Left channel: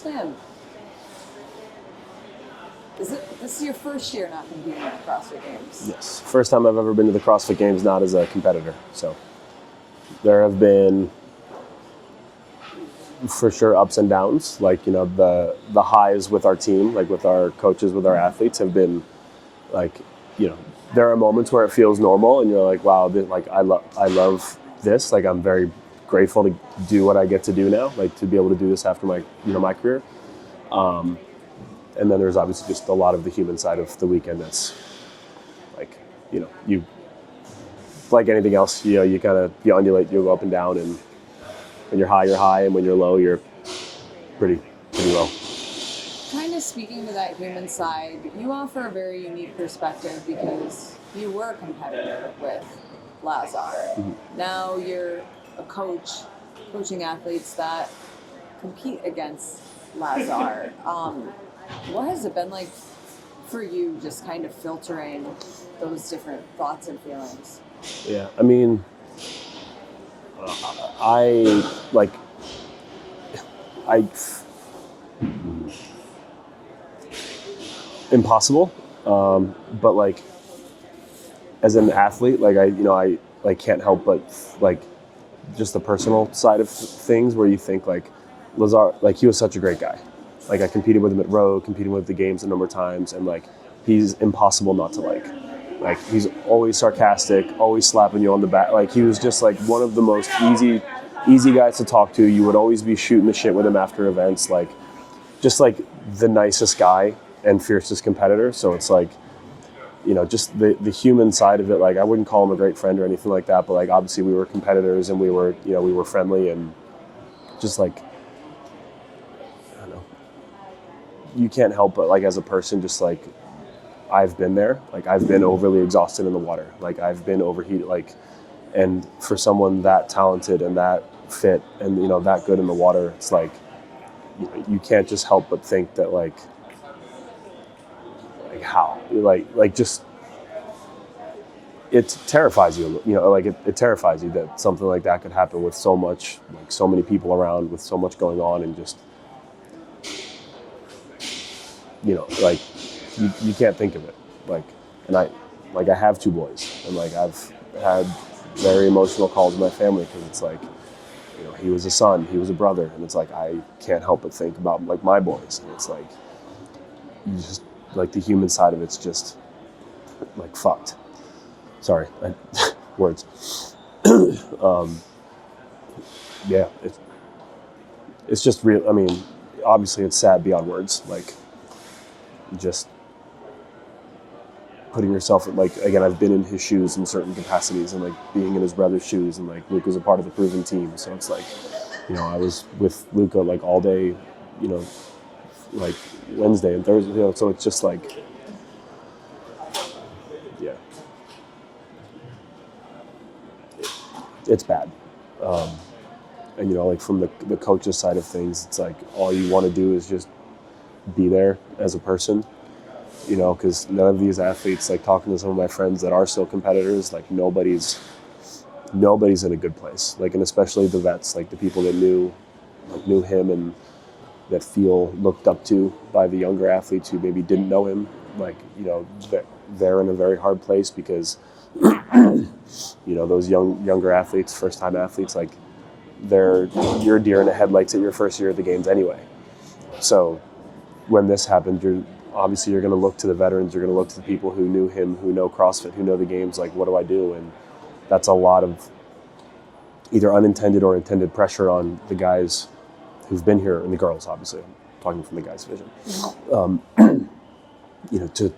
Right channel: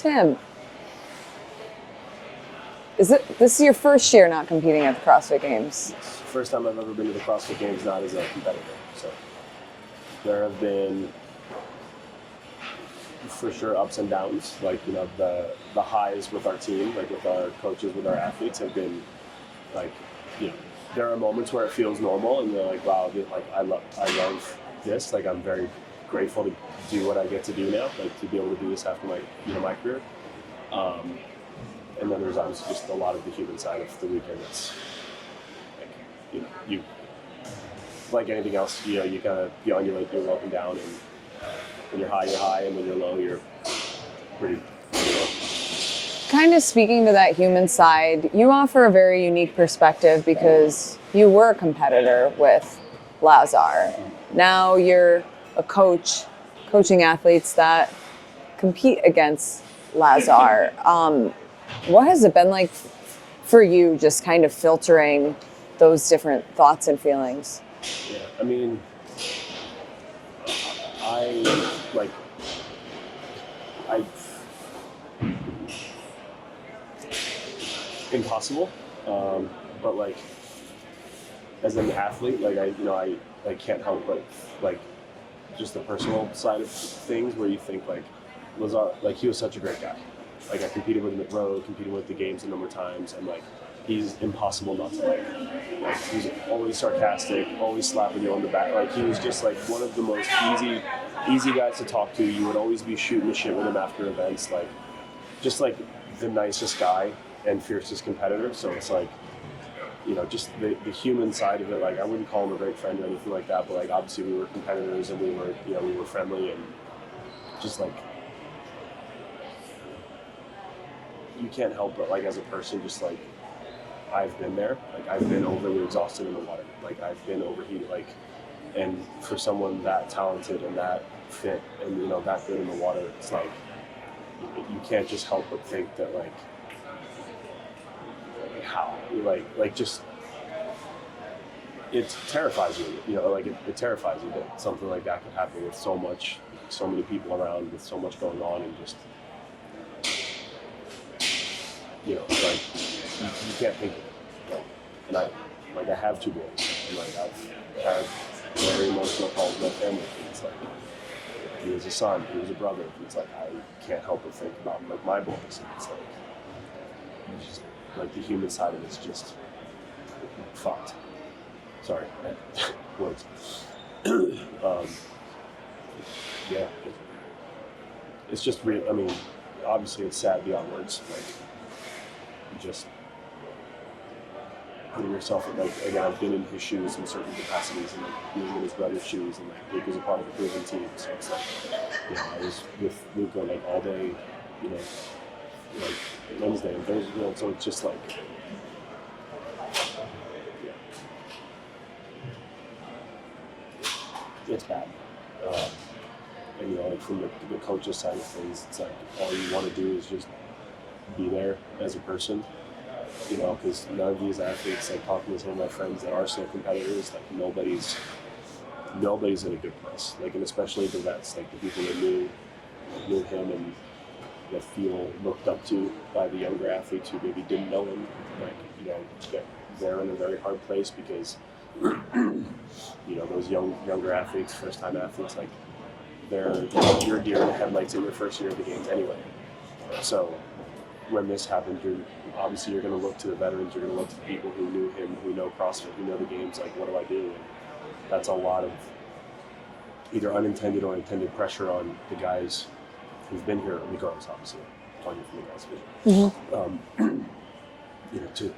Tim, this is your first year not competing at the CrossFit Games? Yes, first time I've ever been to the CrossFit Games not as a competitor. So there have been, for sure, ups and downs. Like, you know, the highs with our team, like with our coaches, with our athletes, have been like, you know, there are moments where it feels normal and you're like, wow, I love this. Like, I'm very grateful to do what I get to do now, like to be able to do this after my career. And then there's obviously just a lot of the human side of the weekend that's like, you know, you, like anything else, you know, you undulate, you go up and down, and when you're high, and when you're low, you're pretty low. Kind of speaking to that human side, you offer a very unique perspective because you were a competitor with Lazar. Mm-hmm. Now you're a coach, coaching athletes that compete against Lazar. What has it been like for you, just kind of filtering those different thoughts and feelings? Yeah, I mean, impossible. But like, as an athlete, like I can't help but like just the personal side of things where you think like Lazar, like he was such a great guy. Like I competed with him at Rogue, competed with the games a number of times, and like he's impossible not to like. Like he's always sarcastic, always slapping you on the back. Like he was just like one of the most easy guys to talk to. You would always be shooting the shit with him after events. Like just like the nicest guy and fiercest competitor. So it's like, you know, just the human side of it. Like I wouldn't call him a great friend or anything like that, but like obviously we were competitors and we were friendly, and just like, I don't know, you can't help but like as a person, just like, I've been there. Like I've been overly exhausted in the water. Like I've been overheated. Like, and for someone that talented and that fit and, you know, that good in the water, it's like, you can't just help but think that like how, like just, it terrifies you, you know, like it terrifies you that something like that could happen with so much, like so many people around, with so much going on, and just, you know, like, you can't think of it. Like, and I have 2 boys, and like I've had very emotional calls with my family because it's like, you know, he was a son, he was a brother, and it's like I can't help but think about like my boys, and it's like, you just like the human side of it's just like fucked. Sorry, words. Yeah, it's just real. I mean, obviously it's sad beyond words. Like, just putting yourself in, like, again, I've been in his shoes in certain capacities, and like being in his brother's shoes, and like Luke was a part of the proven team, so it's like, you know, I was with Luca like all day, you know, like Wednesday and Thursday, you know, so it's just like, yeah, it's bad. And you know, like from the coach's side of things, it's like all you want to do is just be there as a person, you know, because none of these athletes, like talking to some of my friends that are still competitors, like nobody's in a good place. Like, and especially the vets, like the people that knew him and that feel looked up to by the younger athletes who maybe didn't know him. Like, you know, they're in a very hard place because, you know, those younger athletes, first-time athletes, like you're deer in the headlights at your first year at the games anyway. So when this happened, you're going to look to the veterans, you're going to look to the people who knew him, who know CrossFit, who know the games, like, what do I do? And that's a lot of either unintended or intended pressure on the guys who've been here, and the girls, obviously, I'm talking from the guys' vision, mm-hmm. You know, to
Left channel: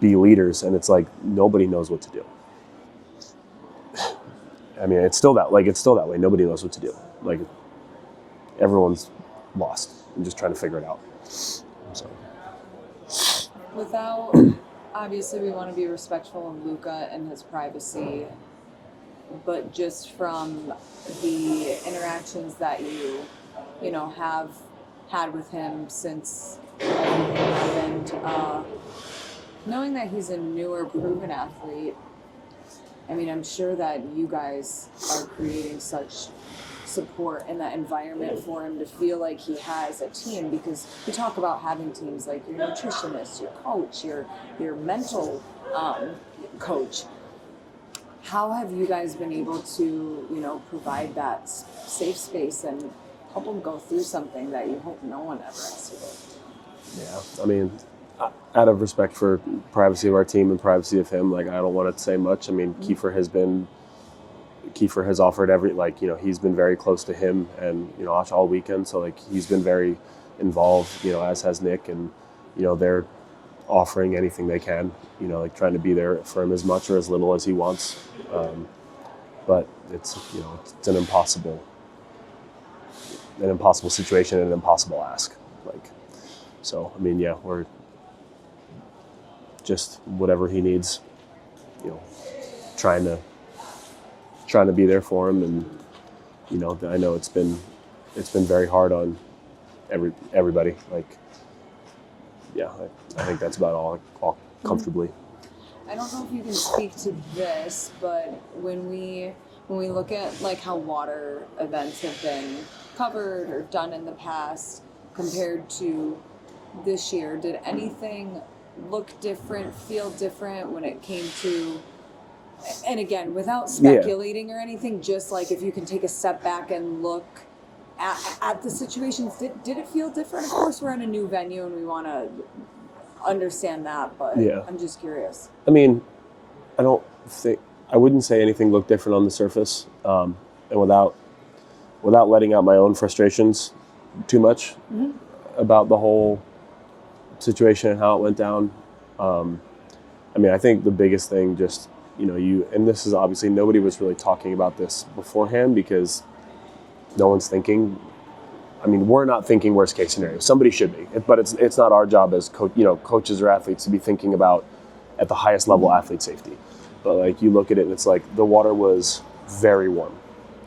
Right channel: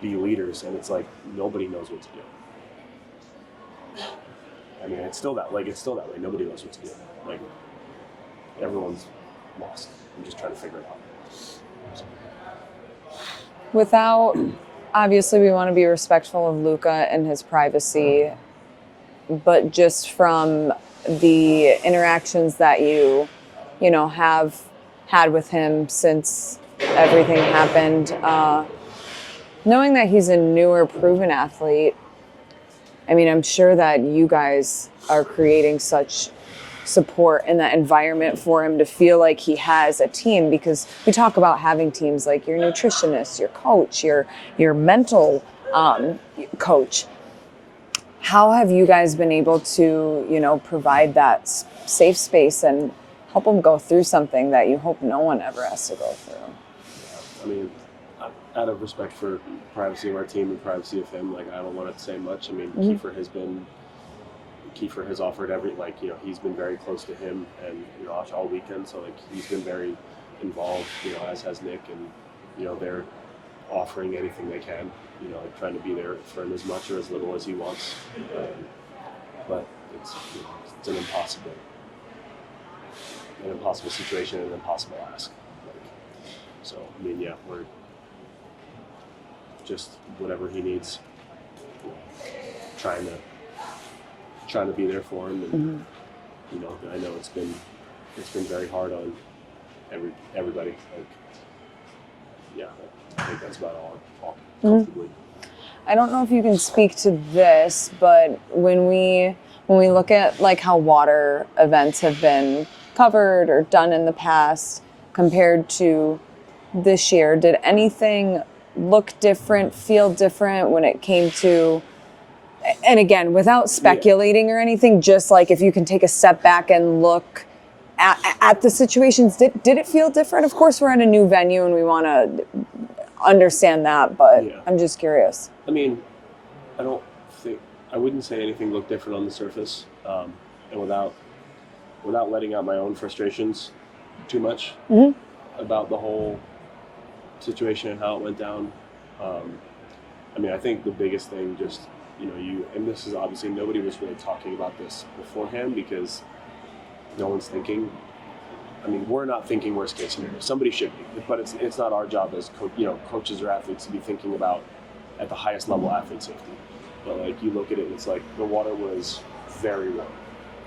be leaders, and it's like, nobody knows what to do. I mean, it's still that way. Nobody knows what to do. Like, everyone's lost and just trying to figure it out. So. Without, obviously we want to be respectful of Luca and his privacy, but just from the interactions that you know, have had with him since everything happened, knowing that he's a newer, proven athlete, I mean, I'm sure that you guys are creating such support and that environment for him to feel like he has a team? Because we talk about having teams like your nutritionist, your coach, your mental coach. How have you guys been able to, provide that safe space and help him go through something that you hope no one ever has to go through? Yeah, I mean, out of respect for privacy of our team and privacy of him, like, I don't want to say much. I mean, Kiefer has offered he's been very close to him and, all weekend. So like, he's been very involved, as has Nick, and, they're offering anything they can, trying to be there for him as much or as little as he wants. But it's an impossible situation and an impossible ask. So, I mean, yeah, we're just whatever he needs, trying to be there for him. And, I know it's been very hard on everybody. I think that's about all comfortably. I don't know if you can speak to this, but when we look at like how water events have been covered or done in the past compared to this year, did anything look different, feel different when it came to, and again, without speculating or anything, just like if you can take a step back and look at the situations, did it feel different? Of course, we're at a new venue and we want to understand that, but I'm just curious. I mean, I wouldn't say anything looked different on the surface, and without letting out my own frustrations too much about the whole situation and how it went down. I mean, I think the biggest thing, just, and this is obviously, nobody was really talking about this beforehand because no one's thinking. I mean, we're not thinking worst case scenario. Somebody should be, but it's not our job as coaches or athletes to be thinking about at the highest level athlete safety. But like, you look at it and it's like the water was very warm.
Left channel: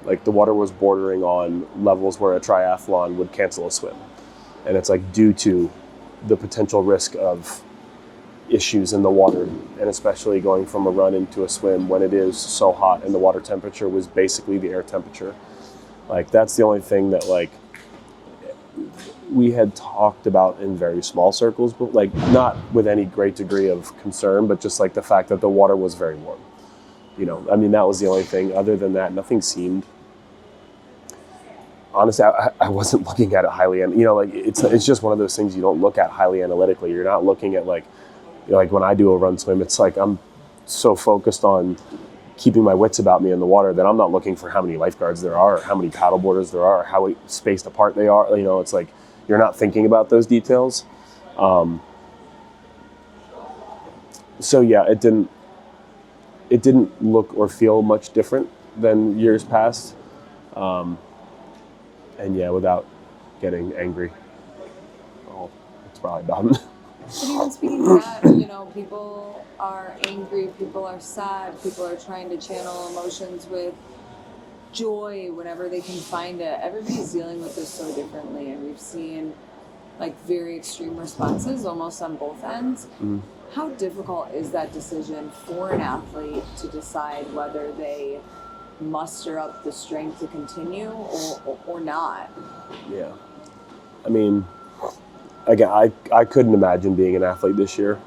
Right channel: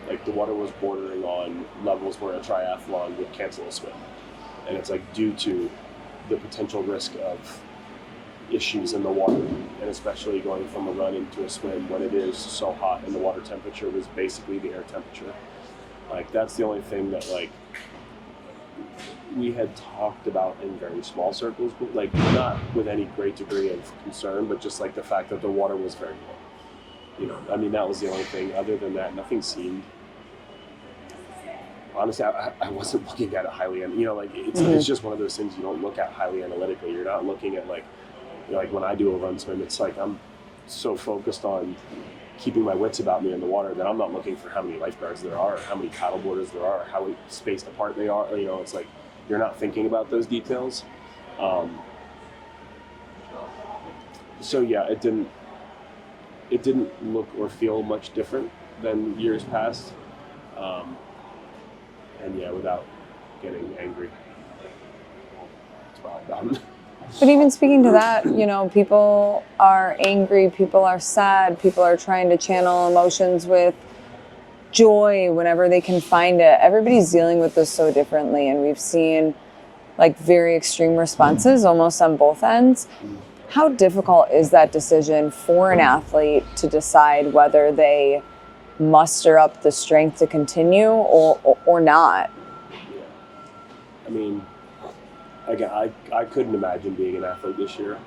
Like, the water was bordering on levels where a triathlon would cancel a swim. And it's like, due to the potential risk of issues in the water, and especially going from a run into a swim when it is so hot and the water temperature was basically the air temperature. Like, that's the only thing that like we had talked about in very small circles, but like not with any great degree of concern, but just like the fact that the water was very warm. I mean, that was the only thing. Other than that, nothing seemed, honestly, I wasn't looking at it highly, and it's just one of those things you don't look at highly analytically. You're not looking at like when I do a run swim, it's like I'm so focused on keeping my wits about me in the water that I'm not looking for how many lifeguards there are, or how many paddleboarders there are, or how spaced apart they are. It's like you're not thinking about those details. So yeah, it didn't look or feel much different than years past. And yeah, without getting angry, that's probably about it. But even speaking to that, people are angry, people are sad, people are trying to channel emotions with joy whenever they can find it. Everybody's dealing with this so differently, and we've seen like very extreme responses almost on both ends. How difficult is that decision for an athlete to decide whether they muster up the strength to continue or not? Yeah. I mean, again, I couldn't imagine being an athlete this year.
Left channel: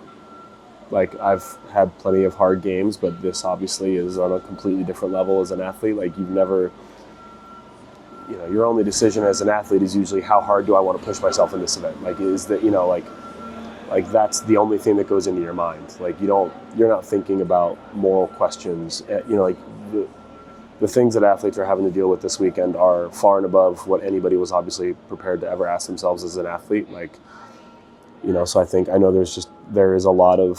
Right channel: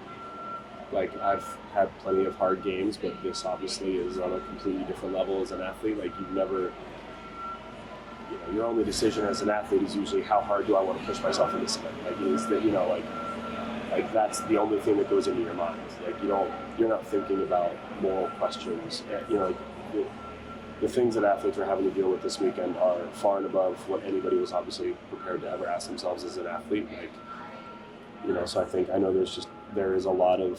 Like, I've had plenty of hard games, but this obviously is on a completely different level as an athlete. Like, you've never, your only decision as an athlete is usually how hard do I want to push myself in this event? Like, is that, like that's the only thing that goes into your mind. Like, you're not thinking about moral questions. Like the things that athletes are having to deal with this weekend are far and above what anybody was obviously prepared to ever ask themselves as an athlete. Like, so I know there is a lot of,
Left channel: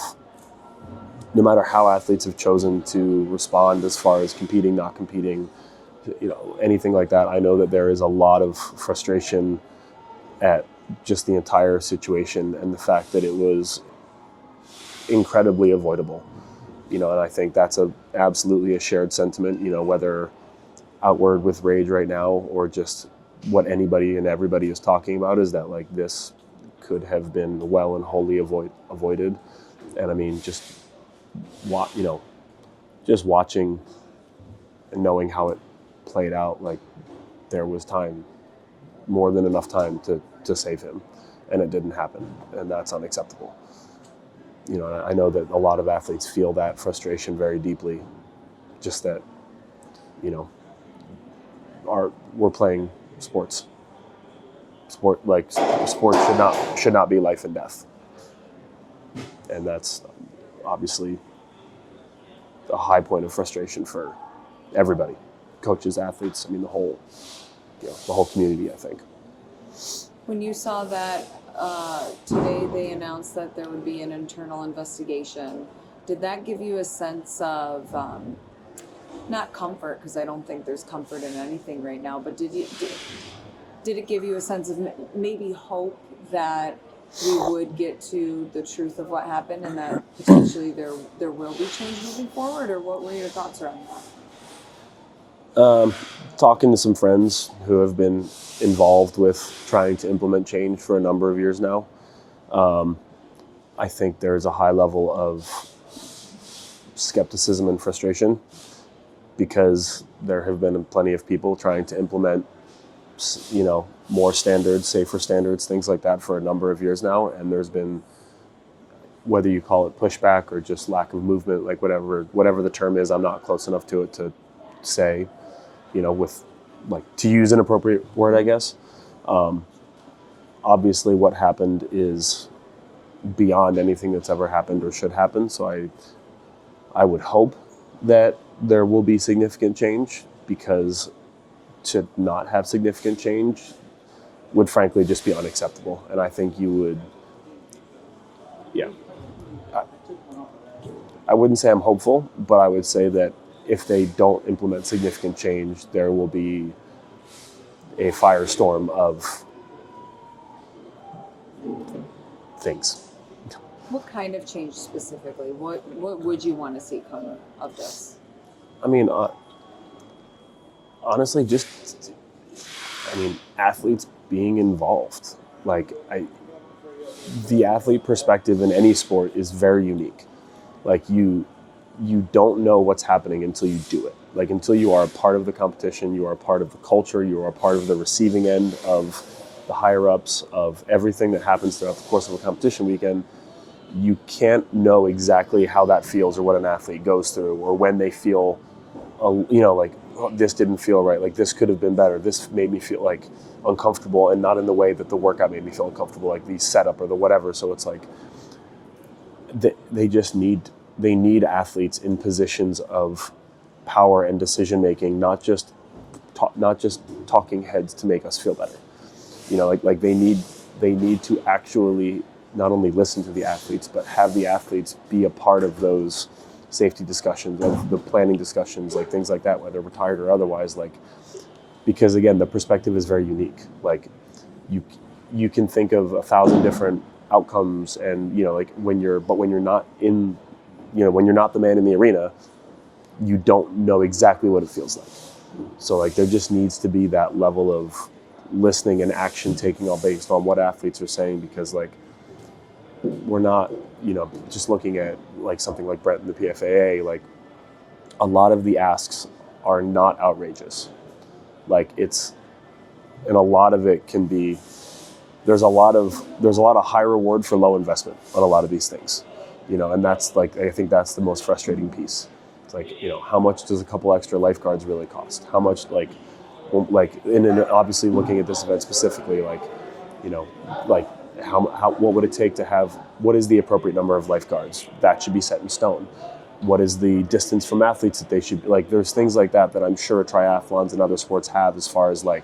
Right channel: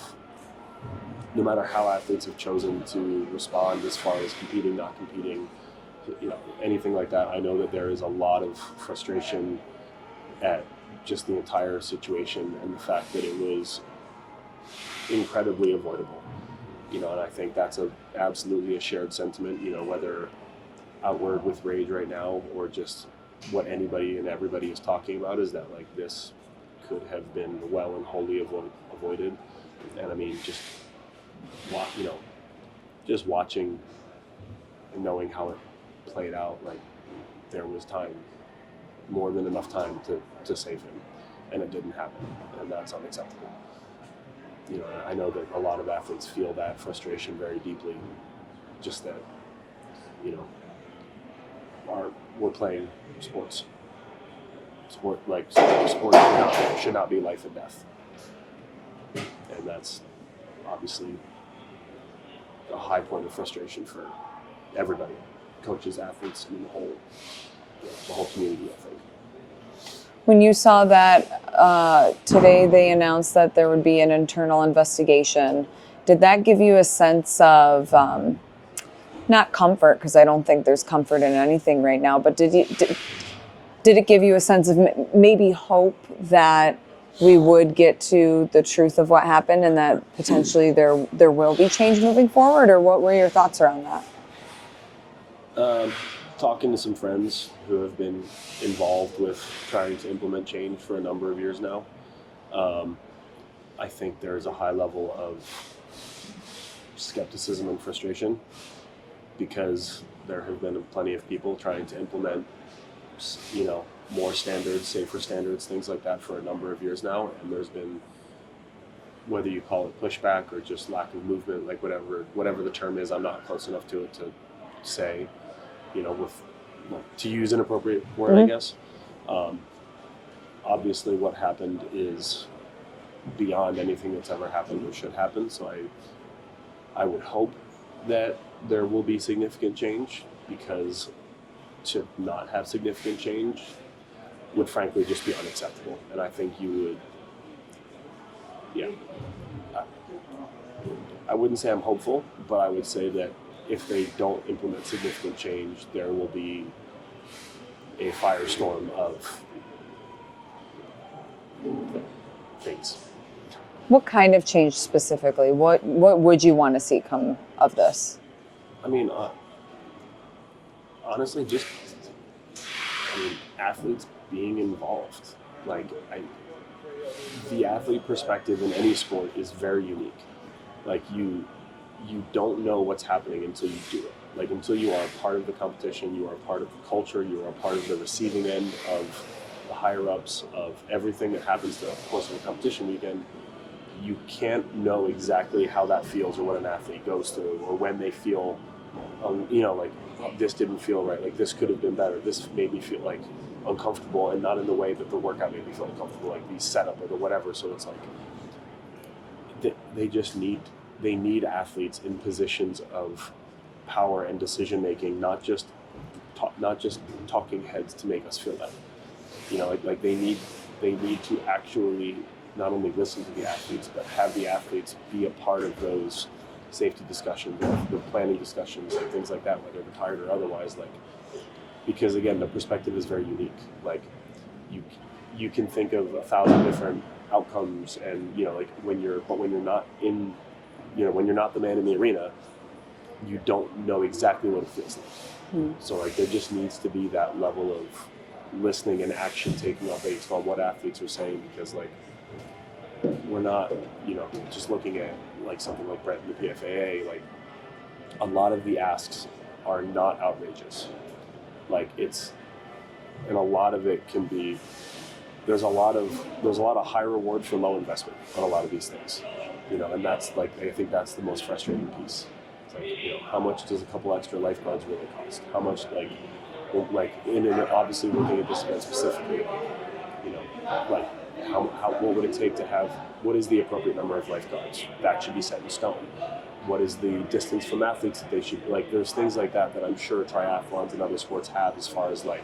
no matter how athletes have chosen to respond as far as competing, not competing, anything like that, I know that there is a lot of frustration at just the entire situation and the fact that it was incredibly avoidable. And I think that's absolutely a shared sentiment, whether outward with rage right now or just what anybody and everybody is talking about, is that like this could have been well and wholly avoided. And I mean, just watching and knowing how it played out, like there was time, more than enough time to save him, and it didn't happen, and that's unacceptable. You know, I know that a lot of athletes feel that frustration very deeply, just that, you know, we're playing sports. Sport should not be life and death, and that's obviously a high point of frustration for everybody, coaches, athletes. I mean, the whole community, I think. When you saw that today, they announced that there would be an internal investigation. Did that give you a sense of not comfort, because I don't think there's comfort in anything right now, but did it give you a sense of maybe hope that we would get to the truth of what happened and that potentially there will be change moving forward? Or what were your thoughts around that? Talking to some friends who have been involved with trying to implement change for a number of years now, I think there's a high level of skepticism and frustration, because there have been plenty of people trying to implement, you know, more standards, safer standards, things like that for a number of years now. And there's been, whether you call it pushback or just lack of movement, like whatever the term is, I'm not close enough to it to say, you know, with like, to use an appropriate word, I guess. Obviously what happened is beyond anything that's ever happened or should happen. So I would hope that there will be significant change, because to not have significant change would frankly just be unacceptable. And I think you would, I wouldn't say I'm hopeful, but I would say that if they don't implement significant change, there will be a firestorm of things. What kind of change specifically? What would you want to see come of this? I mean, honestly, athletes being involved. Like, the athlete perspective in any sport is very unique. Like, you don't know what's happening until you do it. Like, until you are a part of the competition, you are a part of the culture, you are a part of the receiving end of the higher-ups, of everything that happens throughout the course of a competition weekend. You can't know exactly how that feels, or what an athlete goes through, or when they feel, like, oh, this didn't feel right, like this could have been better, this made me feel like uncomfortable, and not in the way that the workout made me feel uncomfortable, like the setup or the whatever. So it's like they need athletes in positions of power and decision making, not just talking heads to make us feel better. You know, like they need to actually not only listen to the athletes, but have the athletes be a part of those safety discussions and the planning discussions, like things like that, whether retired or otherwise. Like, because again, the perspective is very unique. Like, you can think of 1,000 different outcomes, and like when you're not in, when you're not the man in the arena, you don't know exactly what it feels like. So like, there just needs to be that level of listening and action taking, all based on what athletes are saying, because like, we're not, just looking at like something like Brett and the PFAA, like a lot of the asks are not outrageous. Like, and a lot of it can be, there's a lot of high reward for low investment on a lot of these things, and that's like, I think that's the most frustrating piece. It's like, how much does a couple extra lifeguards really cost? How much, and obviously looking at this event specifically, what would it take to have, what is the appropriate number of lifeguards? That should be set in stone. What is the distance from athletes that they should, there's things like that I'm sure triathlons and other sports have, as far as like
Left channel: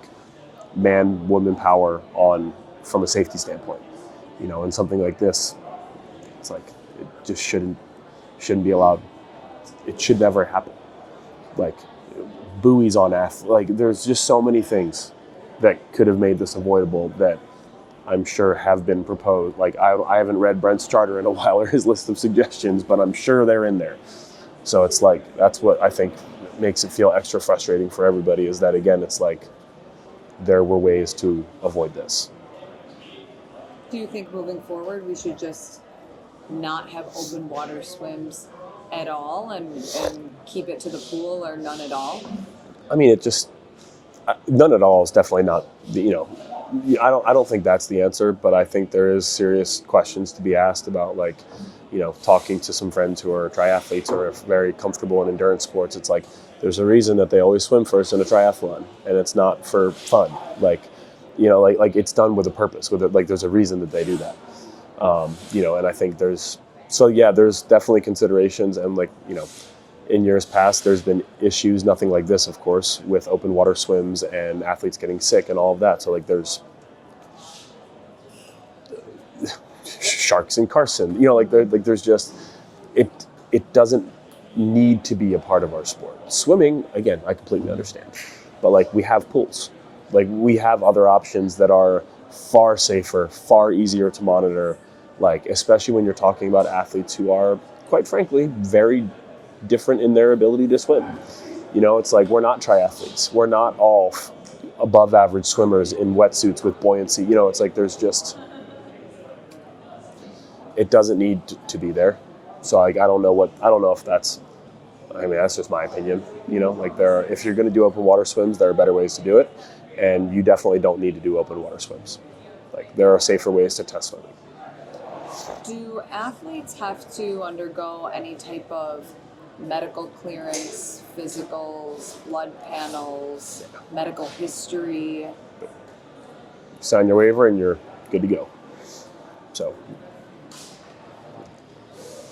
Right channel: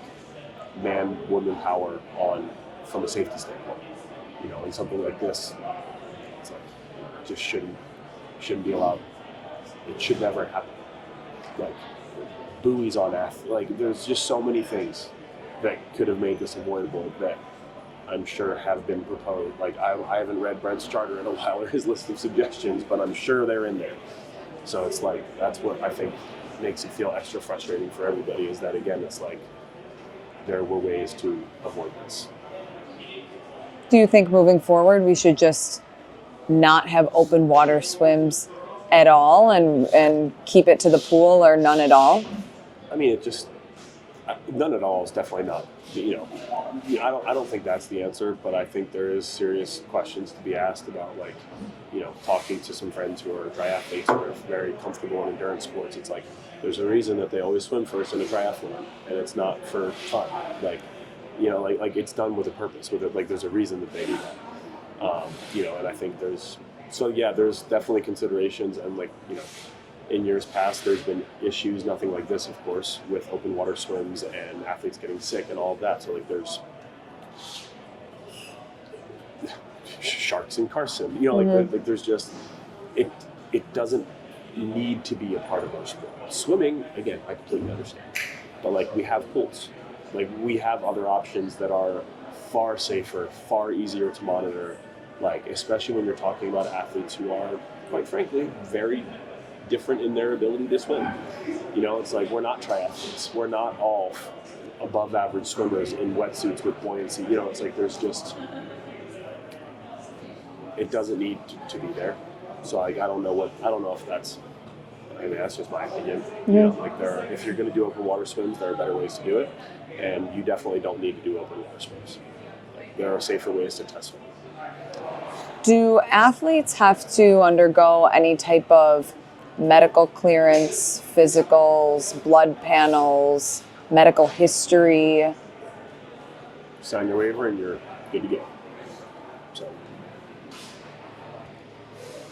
man-woman power from a safety standpoint, and something like this, it's like, it just shouldn't be allowed. It should never happen. Like, buoys on there's just so many things that could have made this avoidable that I'm sure have been proposed. Like, I haven't read Brent's charter in a while, or his list of suggestions, but I'm sure they're in there. So it's like, that's what I think makes it feel extra frustrating for everybody, is that, again, it's like, there were ways to avoid this. Do you think moving forward we should just not have open water swims at all and keep it to the pool, or none at all? I mean, None at all is definitely not, I don't think that's the answer, but I think there is serious questions to be asked about, like, talking to some friends who are triathletes or are very comfortable in endurance sports. It's like, there's a reason that they always swim first in a triathlon, and it's not for fun. Like, like it's done with a purpose, like there's a reason that they do that. And I think there's definitely considerations, and like, in years past, there's been issues, nothing like this, of course, with open water swims and athletes getting sick and all of that. So like there's sharks in Carson, there's just, it doesn't need to be a part of our sport. Swimming, again, I completely understand, but like we have pools, like we have other options that are far safer, far easier to monitor, like especially when you're talking about athletes who are, quite frankly, very different in their ability to swim. It's like, we're not triathletes. We're not all above average swimmers in wetsuits with buoyancy. It's like there's just, it doesn't need to be there. So like, I don't know if that's, that's just my opinion. Like if you're going to do open water swims, there are better ways to do it. And you definitely don't need to do open water swims. Like there are safer ways to test swimming. Do athletes have to undergo any type of medical clearance, physicals, blood panels, medical history? Sign your waiver and you're good to go. So,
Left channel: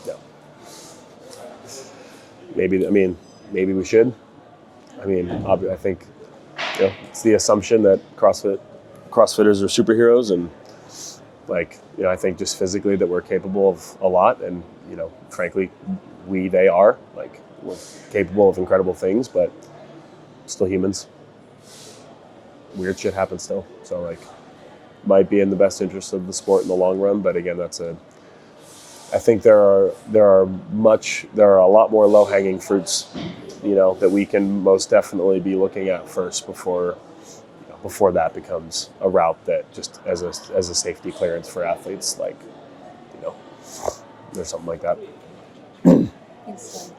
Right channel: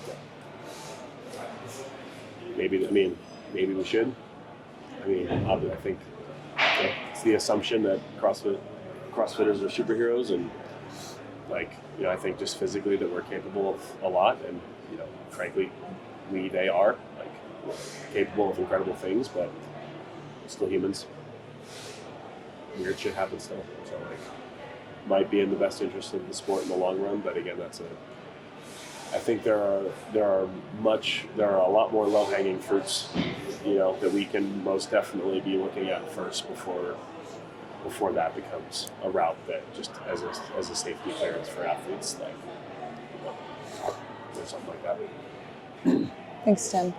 yeah. Maybe we should. I think it's the assumption that CrossFitters are superheroes, and like, I think just physically that we're capable of a lot, and frankly, they are, like, we're capable of incredible things, but still humans. Weird shit happens still. So like, might be in the best interest of the sport in the long run, but again, I think there are a lot more low-hanging fruits, that we can most definitely be looking at first before that becomes a route that just as a safety clearance for athletes, like, there's something like that. Thanks, Tim.